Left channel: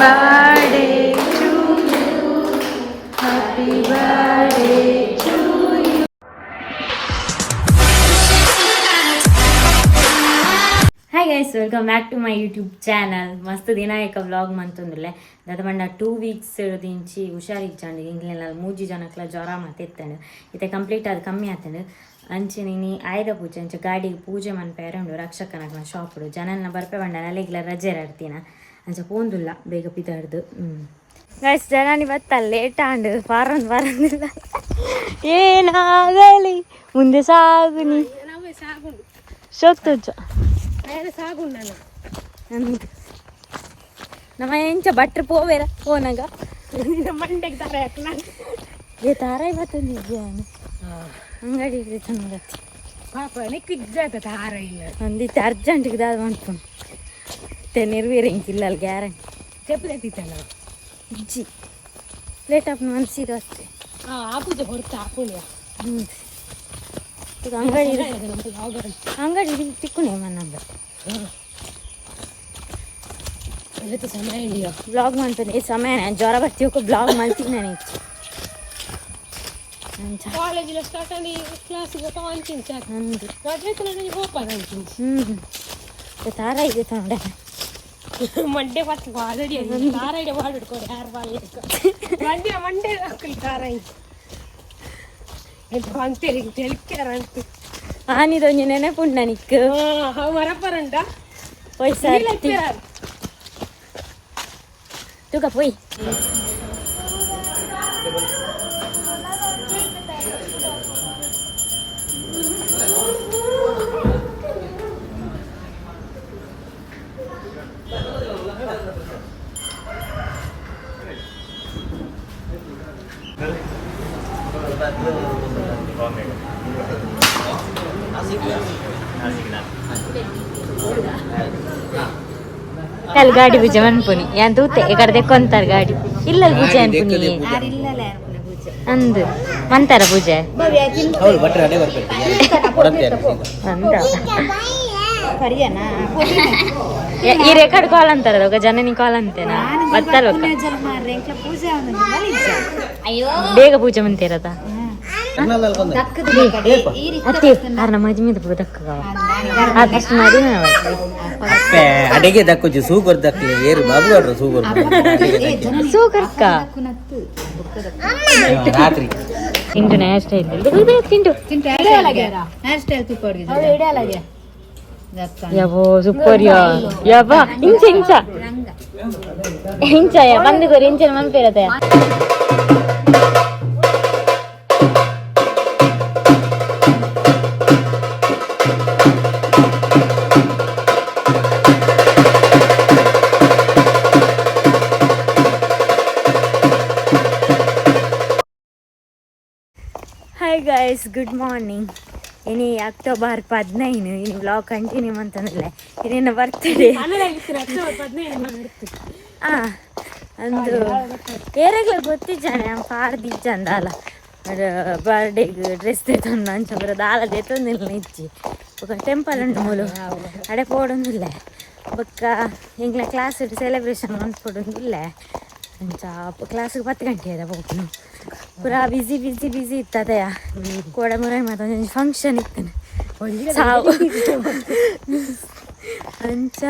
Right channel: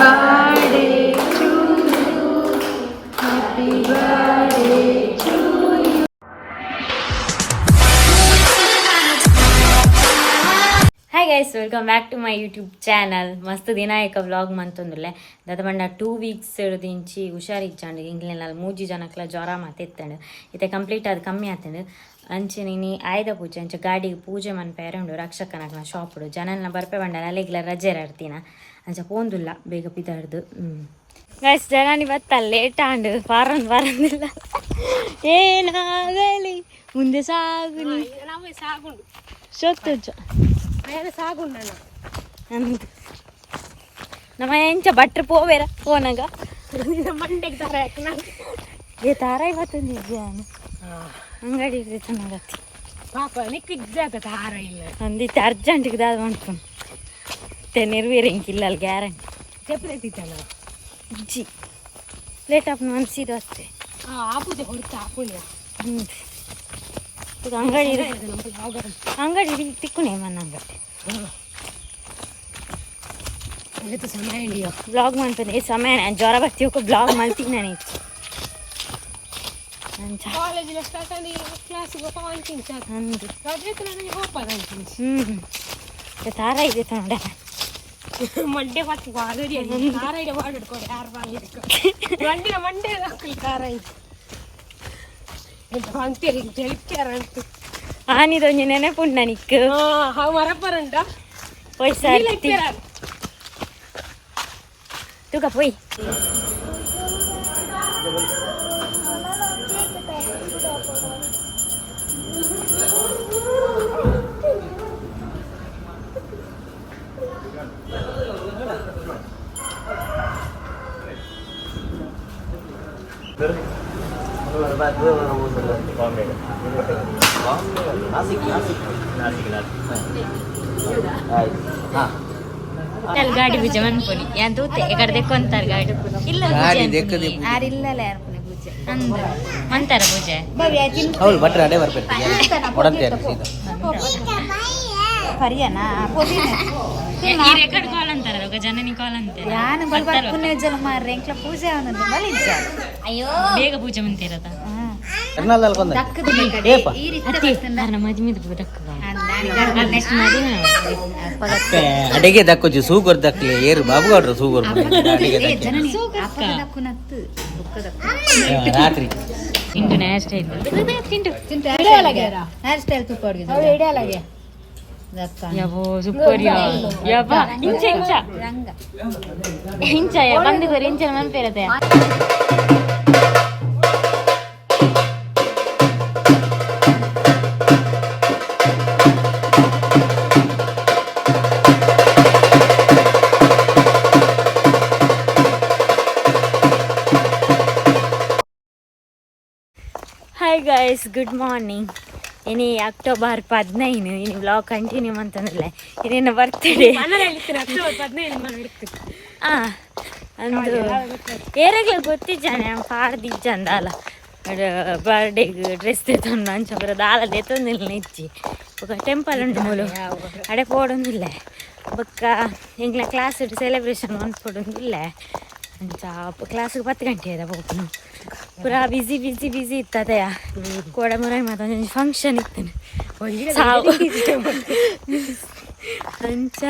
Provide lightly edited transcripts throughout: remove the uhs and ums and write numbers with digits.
birthday to you. Happy birthday to you. Hi guys, welcome back to my YouTube channel. ಮಸ್ತ್ ದಿನ ಏಕ vlog ಮಂತೊಂದುಲ್ಲೆ ದಾದ ಬಂಡ 2 weeks ದಿಂಚಿ ಹುಷಾರಿಜ್ಜಂಡು ಇಂಕ್ಲೆಲ್ಲ 3 ಜನಕ್ಲ ಜ್ವರ ಮತ್ತೆ ಎತ್ತಂಡು ಇತ್ತೆ ಕಂಪ್ಲೀಟ್ ಅದು ಕಮ್ಮಿ ಆತಂಡು ಅಂಚೆ ನೀನು ಆಯ್ದ ಪೂಜೆ ಅಂಚೆ ಗಾಡಿಗೆ ಪೂಜೆ ಮನ್ಪೇರೆ ಉಂಡು ರಕ್ಷಕನಕ್ನ ಶಾಪುಡು ಜನಲ್ನ ಬರ್ಪೆ ಬಂಡ ನಲೆಗ್ಲ ರಜೆ ಇರ್ತೀನ ಅಂಚೆ ಪೋಂದುಲ್ಲ ಬೇಗ ಪಿದಾಡ್ದು ಗೈಸ್ ಜನ ಬತ್ತಲ್ಲ ಲೇಟ್ ಆಂಡು ಪಾರಂದಿಲ್ಲ ಏನಾಗಲಿ ಮುಂದೆ ಸಾಗು ನೀ ಶೋಕ್ತುಜ್ಜ ನಮ್ಮ ಎಂಚ ಬಟ್ರು ಪೋವೇರ ಫೋನಾಗ ಮಂಡೆಗೆ ತಾರ ಏ ತಾರ ಇವತ್ತೊಂದಿದ್ಯಾನು ಅಂಗಡಿ ಚೆನ್ನಾಗತ್ತಿ ಪಾಪ ನಿಕ್ಕಿದ್ದಾಗ ತಾರ ಇಲ್ಲ ಒಂದಿತ್ತು ಅರ್ಜೆಂಟಿಗೆ ದಾದ ಮಾಡ್ಕೊಂಡು ಮತ್ತೆ ನೆರವೇರಂಗಿಲ್ಲ ಅಲ್ಲಿ ಗ್ಯಾರಂಟಿ ತೆಪ್ಪದೈತಿತ್ತಲ್ಲ ಇಜ್ಜಿ ಲೇಟ್ ಆಪ್ ಮನ್ಸಿದ್ದು ಅಷ್ಟೇ ಆ ಪೂಜೆ ಹೊರತು ಆ ಪುಣ್ಯ ಅಂಗಡಿ ಅಂಗಡಿ ತಿಕ್ಕುನೆ ಮನ್ನ ಅಂಗಡಿ ಸಮಯ ಬ್ಲಾಗ್ ಮಾಡ್ತೀನಿ ಸಮಯ ಜ್ವರ ಬರ್ತಿ ಬ್ಲಾಗ್ ಮಾಡ್ತೀನಿ ನಾನು ಕಾಲೇಜಿನ ಸ್ಟಾರ್ಟ್ ಆಗಿ ಕ್ಲಾಸ್ ತಾರ ಇದೆ ನೋಡ ಮಂಡೆ ಪಟ್ಟು ಆಲ್ರೆಡಿ ತಾರ ಇದೆ ಮಾಡಿಡ್ಕೊಡಿ ಯಾರು ಮಂಡೆ ಮಂಡೆ ತಾರ ಅಂತೇಳಿ ಅಂತ ಆನಿದೊಂದು ನೆನಪುಂಡ ನಿಕ್ ಮರಪರಂಡ ಪೈಸಾ ತೂಕ ಪೋಯ್ ಗಾಡಿ ಪೂಜೆ ಮನ್ಪುನಿ ಯಾನ್ ತೂತೆ ಈ ಕಡೆ ತೆಕ್ಕೊಂತಾರ ಗಾಡಿ ಇಲ್ಲ ಅಂದು ಮಂತಾರ ಪೂಜೆ ಈ ರೆಕಾರ್ಡ್ ಕಾಲ್ ಅಂತಾರ ಜನನಿ ಕಾಲ್ ಅಂತೇನ ಬೇಗ ಪೂಜೆ ಮಂತಿರದ ಅಡಿಗೆ ದಕ್ಕೋಜು ಸೂಗರ್ ದಕ್ಲಿ ಏರು ಬಾಬುಗೌಡ್ರು ಸೂಗರ್ ರಾತ್ರಿ ತಿಂಟು ಹೇರ್ ಸ್ಟೈಲ್ ತಿಂಟು ಹೇರ್ ಸ್ಟೈಲ್ ಯಾವೋ ಸೂಪರ್ ಯಾವ ಇಂಚ ಇಂಚ ಇಂಚ ಬಂದಿಗೋರಿ ಇಂಚ ಮನ್ಪಿರತ್ತೆ ಹಾಯ್ ಗೈಸ್ ಗುಡ್ ಮಾರ್ನಿಂಗ್ ಇನಿ ಅಕ್ಟೋಬರ್ 15 ಇನಿ ವ್ಲಾಗ್ ಕಂಟಿನ್ಯೂ ಅಂತಂದ್ರೆ ಇದೇನು ಬರ್ತಡೇ ಅಂದು ಏರಾಗ್ಲ ಗೊತ್ತಿದ್ದಾನೆ ಪಾಡ್ದಿಜ್ಜಂದ ಅಲ್ಲ ಬರ್ಡೇಗೆ ಡ್ರೆಸ್ ತೆತ್ತೊಂದು ಅಂಚ ಬರೋದು ಆಲ ತೆತ್ತೊಂದಿಲ್ಲ ಇಜ್ಜಿ ఒక ಟೆಂಪಲ್ ಉಂಟು ಮೂಲು ಅಡೆ ಪೋಡೊಂದಿಲ್ಲ ಬೊಕ್ಕ ಎಂಗ್ಲ ಕ್ಲಾಸ್ ಸೆಲೆಬ್ರೇಷನ್ ಮಾಡ್ಕೊಡೊಂದಿಲ್ಲ ಅಂಚ ಕ್ಲಾಸಿಗೆ 10 ಗಂಟೆ ಅದ ಹೋಗ್ನು ಪೂರಾ ಬಿಸಿ ಇತ್ತದಯ ಕೋಡ ಮುರಾಯಿ ಮಾತೊಂದು ಫಂಕ್ಷನ್ ಇತ್ತೇನೆ ಸಾವು ಅಂಚ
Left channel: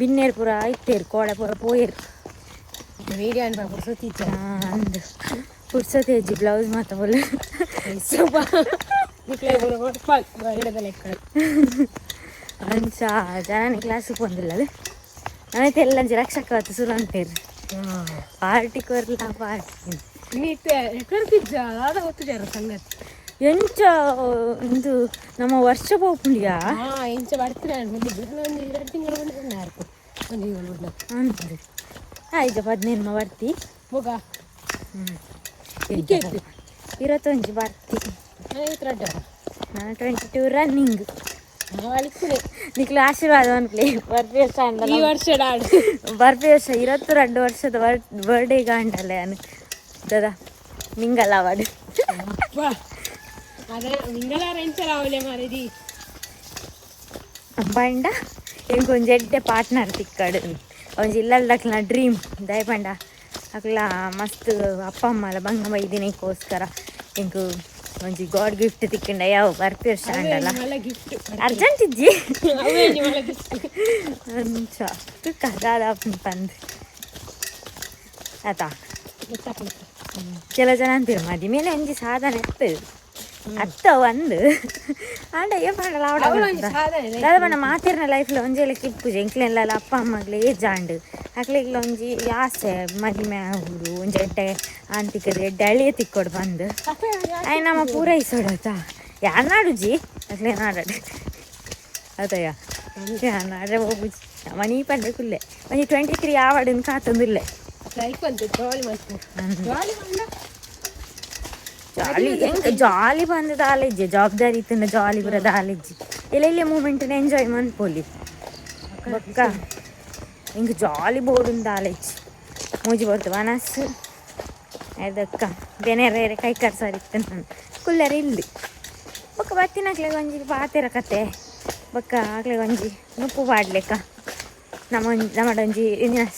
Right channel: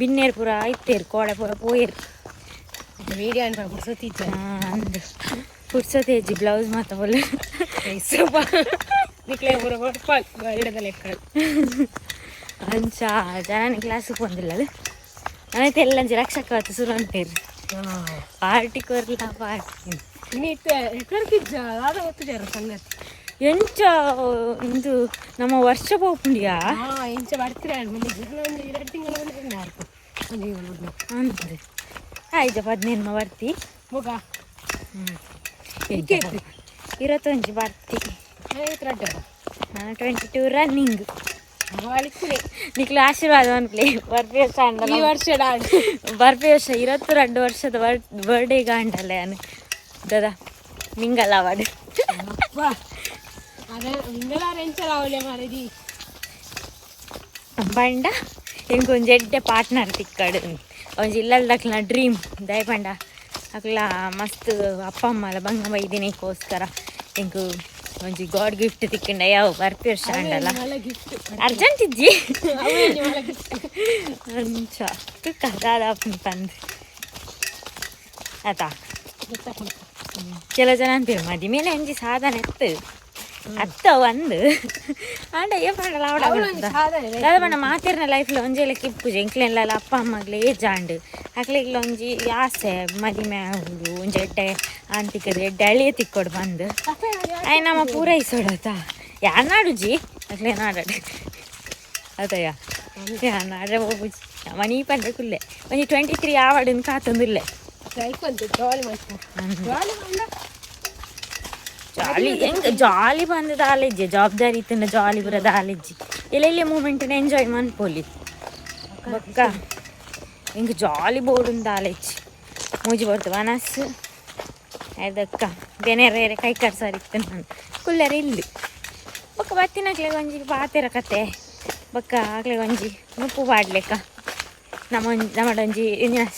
ಬಿನ್ನೇರು ಪೂರ ಇತ್ತೇರು ಕೋಡ ಪೂರ ಪೋಯರು ಅಂದು ಪುರ್ಸೊತ್ತೇಜಿ ಬ್ಲೌಸ್ ಮಾತ ಬೋಲು ಅಂಚ ಜನ ಕ್ಲಾಸಿಗೆ ಬಂದಿಲ್ಲ ಅದು ನಾನೈತೆ ಎಲ್ಲಂಚಿ ರಕ್ಷಕವತ್ತು ಶುರು ಅಂತೇರಿ ಪಾರ್ಟಿ ಕೊರ್ಲ ಪಾರ್ಟಿ ಸಂಗತಿ ಎಂಚ ಇದು ನಮ್ಮ ವರ್ಷ ಪೋಪುಂಡಿಯಾ ಎಂಚ ಬರ್ತೀರ 2 ತಿಂಗಳು ಅಂದೆ ಆಯ್ತು 15 ಬರ್ತಿ ಹೋಗ 21 ಬರ್ತಿ ನಾನು 22 ರನ್ನಿಂಗ್ ನಿಕ್ಲ ಆಶೀರ್ವಾದ ಅನ್ಪ್ಲೇ ಬರ್ಪಿ ವರ್ಷ ಈ ವರ್ಷ ಬರ್ಪಿ ವರ್ಷ 22 ವರ್ಷದ ಬರ್ಡೇ ಗಾಂಟಲ್ಲ ನಾನು ದದ ಮಿಂಗಲ್ ಅವಾರ್ಡ್ ಬಂಡ ఇంకొంచెం ఎడ్డే పార్ట్నర్ తిక్కాడు కొంచెం ఇళ్ళ అట్లా డ్రీమ్ దయపండ అట్లా మస్తు అప్ప అమ్మల బంగమ్మ ఇది నీకోస్కర ఇంక కొంచెం గాడ్ గిఫ్ట్ తిక్కండి అయ్యా ಬರ್ತೀವಿ ಸ್ಟ್ಯಾಂಡ್ ಅಲ್ಲ ಅರ್ಜೆಂಟ್ ಇಜ್ಜಿ ಅಂಚ ಕದಾದ ಬಂದು ಆಯ್ತಾ ಕೆಲವು ಜನ ಅಂತೀರಿ ಮದಿ ಮೇಲೆ ಒಂಜಿ ಸಾಧನ ಎತ್ತು ಅತ್ತ ಒಂದು ಅಂಡ ಏ ಪಂಡಲ ಅವಡ ಪಂಡ ಮಾತಿರ್ನ ಲೈಫ್ಲ ಒಂಜೇಲಕ್ಕೆ ಇಪ್ಪುಜಿ ಎಂಕ್ಲೆಲ್ಲ ಅಪ್ಪ ಅಮ್ಮಗ್ಲೆ ಏಜಾಂಡ್ ಅಕ್ಲೆಗ್ಲ ಒಂಜಿ ಆಸೆ ಮದಿ ಮ್ಯಾಹುಡು ಒಂಜಿ ಎಡ್ಡೆ ಅಂತಿಕ್ಕದ ಎಡ್ಡೆ ಅಳಿಯ ತಿಕ್ಕೊಡು ಬಂದು ಅಯ್ಯ ನಮ್ಮ ಪೂರೈಸೋಡತ ಯಾರು ನಾಡುಜಿ ಅಕ್ಲೆ ನಾಡಾಡು ಅದಯ್ಯ ಯಾರು ನಾಡ್ರೆ ಹೋಗುಜಿ ಮನಿ ಪಂಡ್ರೆ ಕುಲ್ಲೆ ಒಂಜಿ 23 ಆವಡನ್ ಕಾತೊಂದಿಲ್ಲೆ ಜಾಲಿ ಹೆಂಗೆ ಜಾಲಿ ಬಂದದ ಆಲೆಜ್ಜಿ ಜವಾಬ್ದಾರಿ ಇತ್ತಂದ ಜಾಲಿ ಬರೋದ ಆಲೆಜ್ಜಿ ಎಲ್ಲೆಲ್ಲಿ ಮೂಮೆಂಟ್ನ ಎಂಜಾಯ್ ಮನ್ಪೋಲಿ ಬೊಕ್ಕ ಹಿಂಗೆ ಜಾಲಿ ಬೋರ್ಡುಂದ ಆಲೆಜ್ಜಿ ಮೂಜಿ ಬರ್ತದೆ ಮನಸ್ಸು ಅದಕ್ಕ ಬೆನೆರೇರೆ ಕೈ ಕರ್ಸಾರಿ ಇತ್ತು ನಾನು ಕುಲ್ಲರ ಇಲ್ಲಿ ಬೊಕ್ಕ ಬತ್ತಿನಕ್ಲೆ ಒಂಜಿ ಪಾತೆರ ಕತೆ ಬೊಕ್ಕ ಆಗ್ಲೆ ಒಂಜಿ ನುಪ್ಪು ಪಾಡ್ಲೆಕ್ಕ ನಮ್ಮಡೊಂಜಿ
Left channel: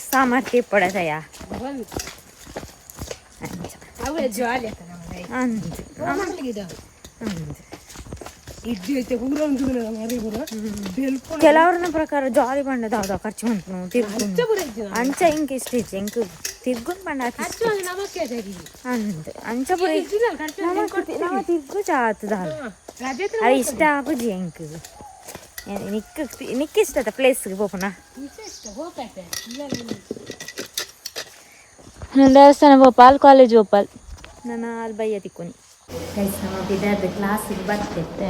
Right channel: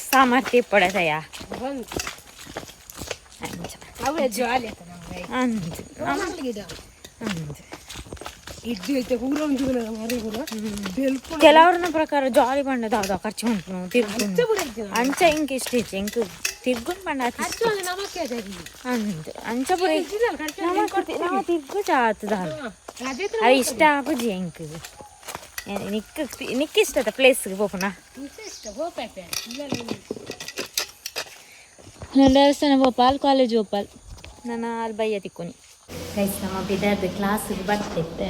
ಸಾಮರ್ಥ್ಯ ಪಡದಯ್ಯ ಕೆಲವ್ರನ್ನ ಪ್ರಕಾರ ಜಾಲಿ ಬಂಡದ ಹೌದಾ ಖರ್ಚು ಉಂಟು ತಿರ್ಕೊಂಡು ಅಂಚ ಹಿಂಗ್ ಇಷ್ಟ ಐತಿ ಹೆಂಗ್ ತಿರ್ಗೊಂಡ್ ಬಂಡ ಅಂದ್ ಅಂಚ ಪುರ ನಮ್ಮ ತಿರ್ಗು ಚಾತದ ಅದು ಇಷ್ಟ ಆಪುಜಿ ಹೆಂಗ್ ನಿಕ್ಕ ಇಷ್ಟದ ಪ್ಲೇಸ್ಗೆ ಹೋಗೋಣ ದೇವಸ್ಥಾನ ಭೋಪಾಲ್ ಕಾಲೇಜ್ ಭೋಪಾಲ್ ನಾನು ಅಲ್ಲಿ ಬಯ್ಯ ತಿಕ್ಕೊನಿ ಗೈಸ್ ನಮ್ಮ ಬಿದ್ದಾರ್ದು ಕ್ಲಾಸಿಗೆ ಬರ್ತಿತ್ತೆ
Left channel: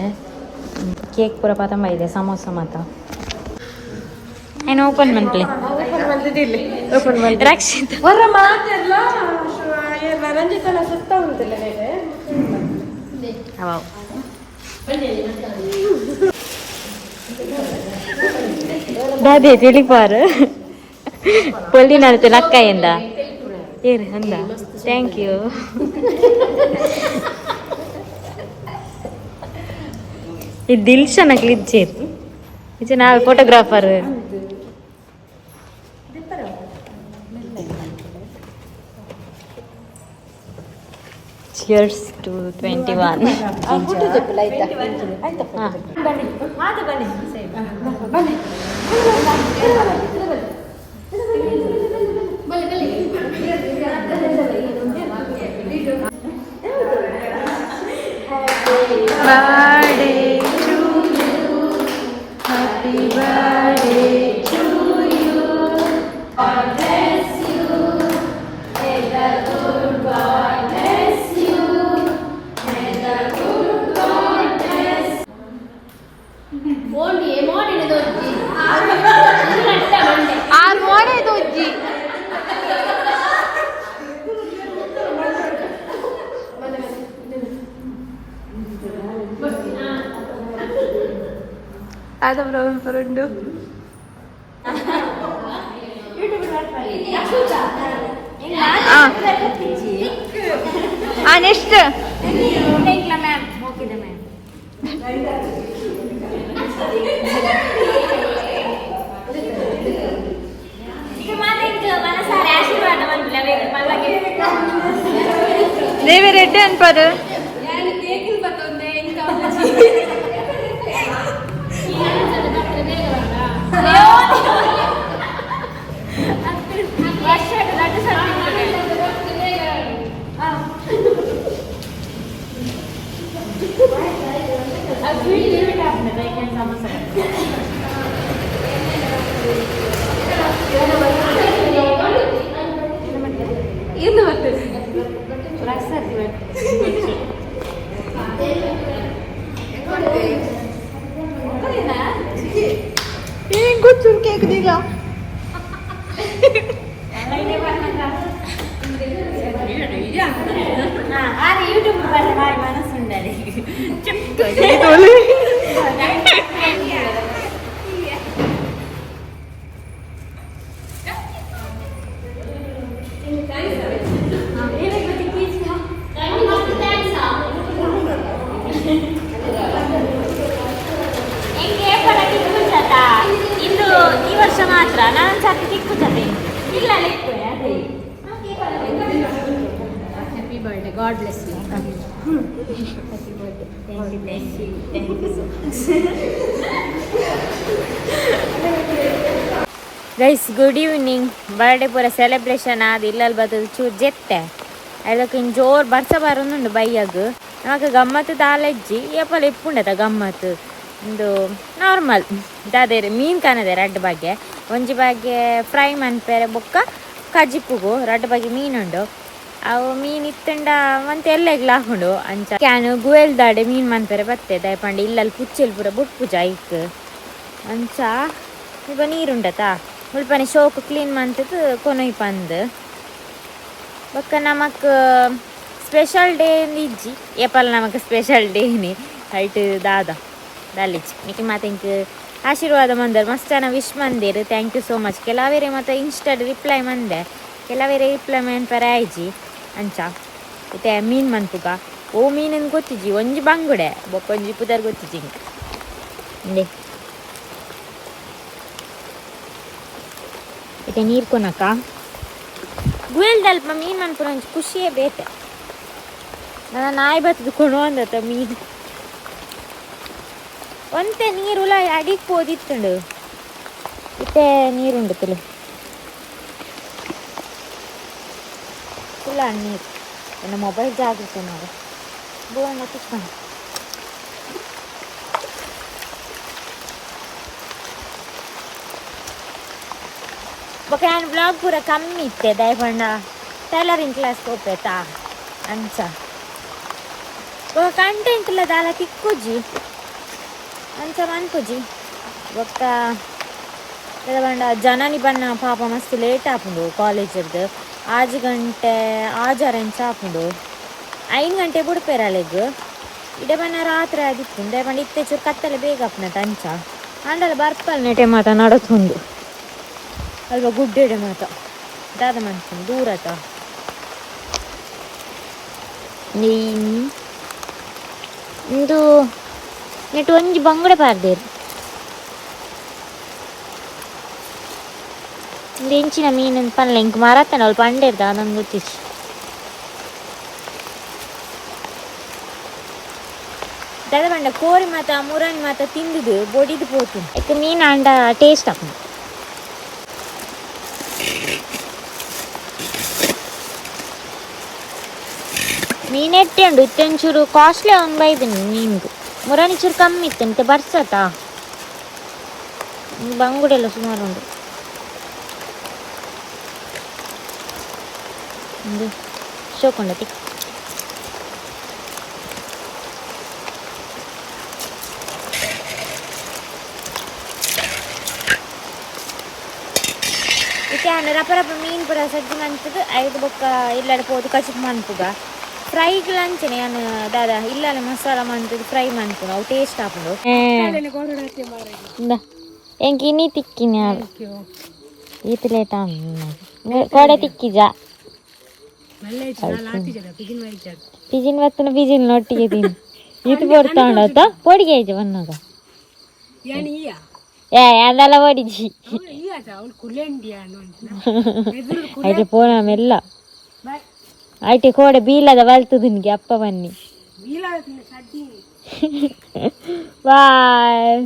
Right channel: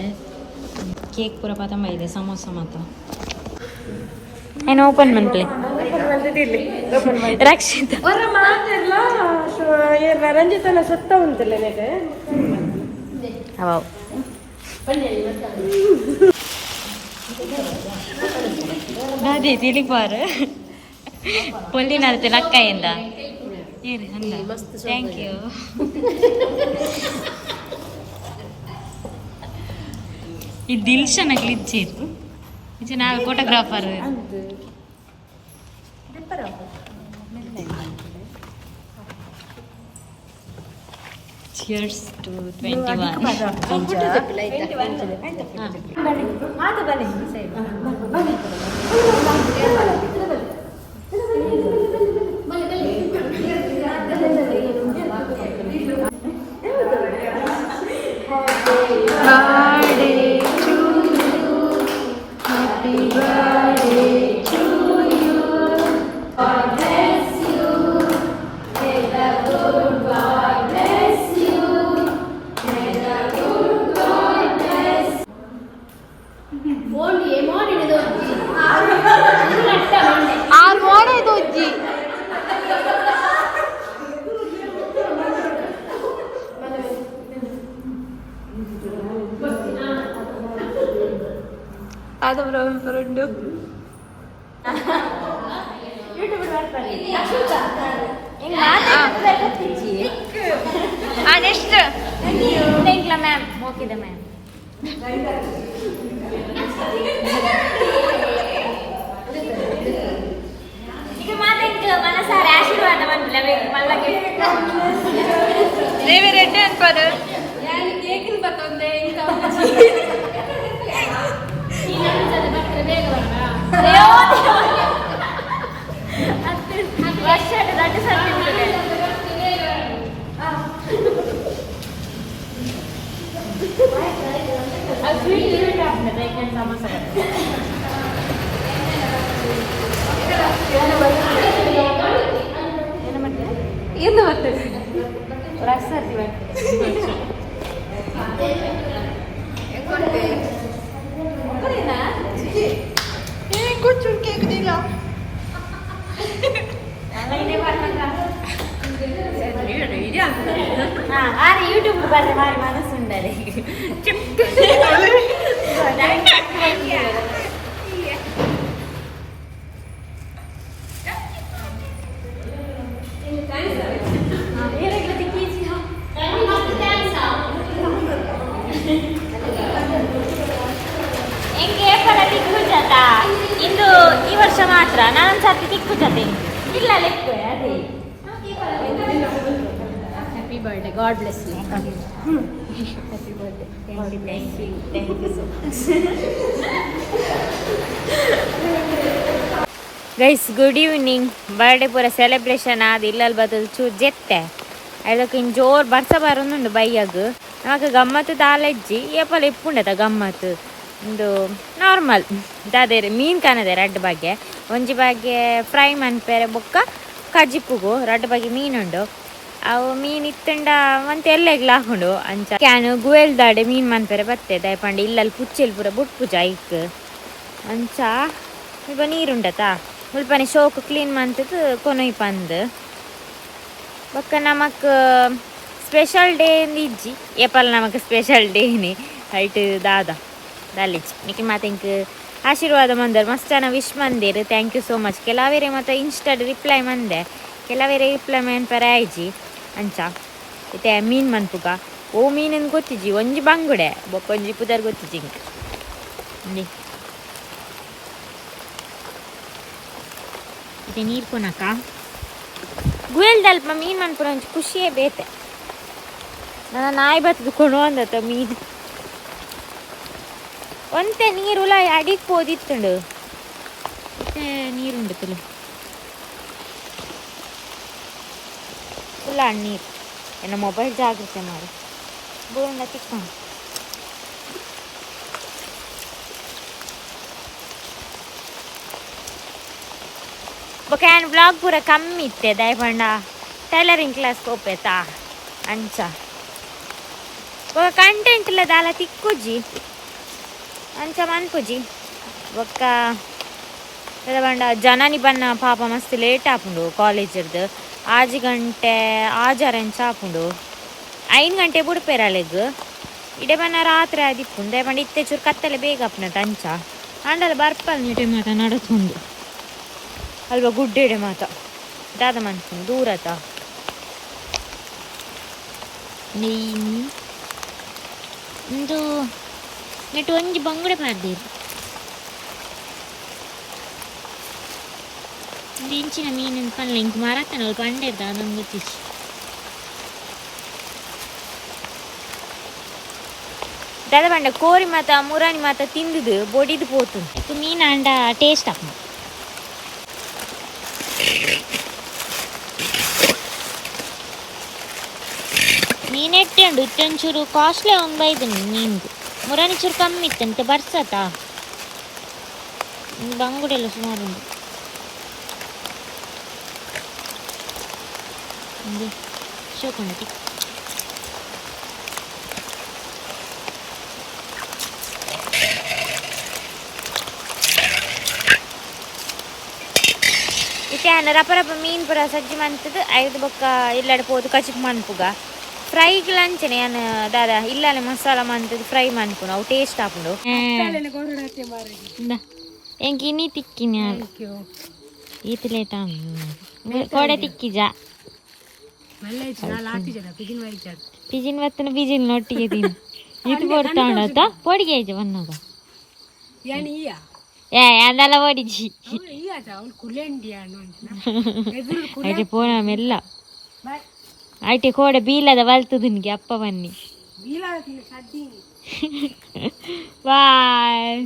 ಕೇಕ್ ಪೂರ ಪತಂಬ ಇದೆ ಸಮೋಸ ಮಾತ್ರ ಏನು ಓಪನ್ ಮನ್ಪ್ಲೆ ರಕ್ಷಿತ ರಂಜಿತನ ಸುತ್ತ ಉಂಟಲ್ಲ ಅವ ದಾದಿ ತಿಳಿಪಾರು ಪೊಲ್ಲಿ ನಡತೆ ನಕ್ಕಾಯಿಂದ ಏರಿ ಅಂದ ಥ್ಯಾಂಕ್ ಯು ಇದು ದಿಲ್ಶನಕ್ಕೆ ಇಜ್ಜೇರು ಇದು ನಾವು ಫೋಟೋಗ್ರಾಫರ್ Cheers to 21. ಫೋಟೋ ತೆಪ್ಪಲ ಆಯ್ತಾ ಆಯ್ತಾ ಬನ್ನಿ ಬನ್ನಿ ada berapa rindu next ಇಲ್ಲ ಮ್ಯಾಮ್ ಹೋಗಿದೆ ಮ್ಯಾಮ್ ಈಗ ಮಾತಾಡಿ ಮನಸಾರ ಆಶೀರ್ವಾದ ಬಂದಿಲ್ಲ ಮಲ್ಲಗೆ ದೇವಿ ರೆಡ್ಡಿ ಅನ್ಪಾರು ಯಾರು ಕೇಕಿನ ಬತ್ತೊಂದೆ ಇಂಕ कुछ केक दिला యూట్యూబ్ వారి మనసు ఉండాలి ఇంకే పడకి కూర్చోట ఇందు ಒಂದ್ಸತಿ ತಿಕ್ಕುತ್ತದೆ ಇಲ್ಲ ಲೆಕ್ಕ ಅದೇ happy birthday god bless you happy birthday thank you so guys good evening birthday ಪೂರ ಸೆಲೆಬ್ರೇಷನ್ ಆದ ಇಲ್ಲಲ್ಲಿ ಬರ್ತದೆ ಚೂರು ಜೆತ್ತೆ ಅದಕ್ಕೆ ಇನ್ನು ಜೋರು ಬರ್ಸ ಬರೋನುಂಡು ಬೈಯಾಗ ನಮಗೆ ಗಮ್ಮತ್ತು ದಾಲೆಜ್ಜಿ ಏಪಲ ಇಪ್ಪುಂಡತ ಗಮ್ಮತ್ತು ಒಂದು ನಾರ್ಮಲ್ ದಾದೇರಿ ಮೀನು ಕಾಣದೆ ರಡ್ಡು ಬಗ್ಗೆ ಒಂಜಿ ಬಗ್ಗೆ ಫ್ರೈ ಮನ್ಪೇರೆ ಬೊಕ್ಕ ಕಜಿಪ್ಪುಗು ರಡ್ಡು ಬಗ್ಗೆ ಮೀನುಂಡು ಅವು ಮೀನು ಇತ್ತಂಡ ಮತ್ತೆ ಎಲ್ಲೆಗ್ಲ ಹಾಕೊಂಡು ಅಂಚ ಕ್ಯಾನು ಗುವೆಲ್ದಾಡೆ ಮೀನು ಮನ್ಪೇರೆ ಬತ್ತೆ ದಯಪಂಡು ಇಲ್ಲಲ್ಲಿ ಪುಚ್ಚೆಲ್ ಪೂರ ಬುಟ್ ಪೂಜ ಐಕ್ ಅಂಚ ಇವ ನೀರುಂಡತಾ ಮುಲ್ಪನೆ ಶೋಕು ಕ್ಲೀನ್ ಮಂತದ್ದು ಕೊನೊಯ್ ಪಂದ್ ಬೊಕ್ಕ ನಮಕ್ ಸ್ಪೆಷಲ್ ಡೇ ಇಜ್ಜಿ ಏಪಲ್ ನಮಕ್ ಸ್ಪೆಷಲ್ ಡೇನಿ ಹೈಟ್ ದಾದ ದಾಲಿಜ್ಜಿ ನಿಕ್ಕೆ ಮತ್ತೆ ಇಂಕ್ ಆಶೀರ್ವಾದ ಮಂದರ್ ಮಸ್ತ್ ಜನ ವಿಶ್ ಮಂದಿರು ಥ್ಯಾಂಕ್ ಯು ಸೋ ಮಚ್ ಕೆಲವೇರೆ ಮತ್ತು ಇನ್ಸ್ಟಾಡ್ ರಿಪ್ಲೈ ಮಂದೆ ಕೆಲವೇರೆ ರಿಪ್ಲೈ ಮನ್ಪರೆ ಆಯ್ಜಿ ಅಂಚ ಮತ್ತೆ ಮೀನು ಮನ್ಪುಗ ಓ ಮೀನನ್ನು ಗೊತ್ತಿಜ್ಜಿ ಒಂಜಿ ಬಂಗುಡೆ ಬೊಕ್ಕ ಒಂಜಿ ಪುದರ್ ಗೊತ್ತಿಜ್ಜಿ ಇಂಕ ಇಂದೆ ಇತ್ತೆ ನೀರು ಕೊನಕ ಗುಯಲ್ದಲ್ಪ ಮೀನು ಮನ್ಪುರ ಒಂಚು ಖುಷಿಯೇ ಬೇತೆ ನನ್ನ ನಾಯಿ ಬತ್ತದು ಕೊಣು ಅಂದತ್ತ ಮೀನು ಒಂತೆ ನೀರುಲ ಅಡಿಗೆ ಪೋದಿತ್ತುಂಡು ಇತ್ತೆ ನೀರುಂಡು ತುಳು ಫುಲ್ಲ ನೀರು ನನ್ನ ಮೊಬೈಲ್ ಜಾಗ್ರತೆ ಮಾಡು ಬೋಂಡ ತಿಕ್ಕೊಂಡು ಬೊಕ್ಕ ಏನು ಬ್ಲಾಗ್ ಪೂರ ಕಮ್ಮಿ ಇತ್ತೆ ದಯಪಂಡ ಟೈಲರಿಂಗ್ ಕ್ಲಾಸ್ಗೆ ಹೋಗ್ಬೇತಾ ಅಂಚ ಬೊಕ್ಕ ಕಂಟೆಂಟ್ ಇಲ್ಲ ದಾಲ ತಿಕ್ಕುಜಿ ಅಂಚ ಮನ್ಪುಜಿ ಬೊಕ್ಕ ಬಂಡ ಜನನಿ ಬನ್ನ ಪಾಪ ಮಸ್ತ್ ಲೇಟ್ ಆಪುಂಡು ಕಾಲೇಜರ್ದು 6 ಗಂಟೆ 6 ಇಂಚ ಆಪುಂಡು 5 ಗಂಟೆ ಬುಡ್ಪೇರಳೆಗ್ ಇಡೆ ಬನ್ನ ರಾತ್ರಿ ಆದಿಪ್ಪುಂಡು ದಯಪಂಡ ಇತ್ತೆ ಚೂರು ಕತ್ತಲೆ ಬೇಗ ಅಪ್ನತ ಅಂಚ ಅಂಡಲ ಬರ್ಪಲ್ ನೆಟೆ ಮಾತ ನಡತುಂಡು ಅಲ್ವಾ ಗುಡ್ಡೆಡೆ ಮಾತ ದಾದ ಮನ್ಪುಂಡು ದೂರತ ಇಂದು ನೆಟ್ಟು ಒಂಜಿ ಬಂಗುಡೆ ಪಾರ್ದೇರು ಇಂದು ಎಂಚಿನ ಮೀನು ಪನ್ಲೆ ಇಂಕ್ ಮಾರತ್ತನ ಅಲ್ಪ ಅಂಡೇರ್ದ ಅದೊಂದು ಗೊತ್ತಿಚ್ಚಿ ದಾದ ಬಂಡ ಕೋರಿ ಮಾತ ಮುರಾನಿ ಮಾತ ತಿಂದುದು ಬೊಡಿದು ಪೋತು ಅದಕ್ಕೆ ಮೀನು ಅಂಡ ಟೇಸ್ಟ್ ಹಾಕು ಮೀನೆಟ್ಟೆ ಉಂಡು ಇತ್ತೊಂಚೂರು ಕಾಸ್ಟ್ಲಿ ಒಂದು ಬೈದನು ಮೀನ್ದು ಮುರಾನಿ ಚೂರು ಕಮ್ಮಿ ಇತ್ತು ಮತ್ತೆ ಬರ್ಸತಾ ಬಂಗುಡೆಲ್ಲ ಸುಮಾರು ಉಂಡು ಶೋಕೊಂಡ ತಿಕ್ಕ ಇತ್ತೆ ರಪ ರಪ ಮೀನು ಪುರ ಸಜ್ಜಿ ಮಂತದ್ದು 5 ಬೊಕ್ಕ ಇಲ್ಲಡೆ ಪೋದು ಕಚಿಪ್ ಮನ್ಪುಗ ಫ್ರೈಗ್ ಲಂಚನೆ ನಾನು ದಾದ ಇಲ್ಲಲೆ ಮಸಾಲ ಮಂತದ್ದು ಫ್ರೈ ಮನ್ಪುನು ಅವು ಟೇಸ್ಟ್ ಆಪುಂಡು ಎಂಕಿ ನೀ ತಿಕ್ಕಿನ ಈತ ಲೇಟ ಕೊಡೆ ತಿಕ್ಕಿಜ ಪಿಜಿನ್ ಬತ್ತನ ಪಿಜಿನ್ ಒಟ್ಟಿಗೆ ತಿನ್ ಇದು ಬರ್ತಾಂಡತ ಪೊಡಿಗೆ ಐಜ ಬನ್ನಾಗ ಅದೆಲ್ಲ ಓಡಿಜಿ ಐಟೆ ಪೋಣ ಮೆಲ್ಲ ಐಟೆ ಕೋಡೆ ಬೀಲದ ಬಲ್ತದು ನಿನಗೆ ಅಪ್ಪ ಬನ್ನಿ ಬಾಯ್.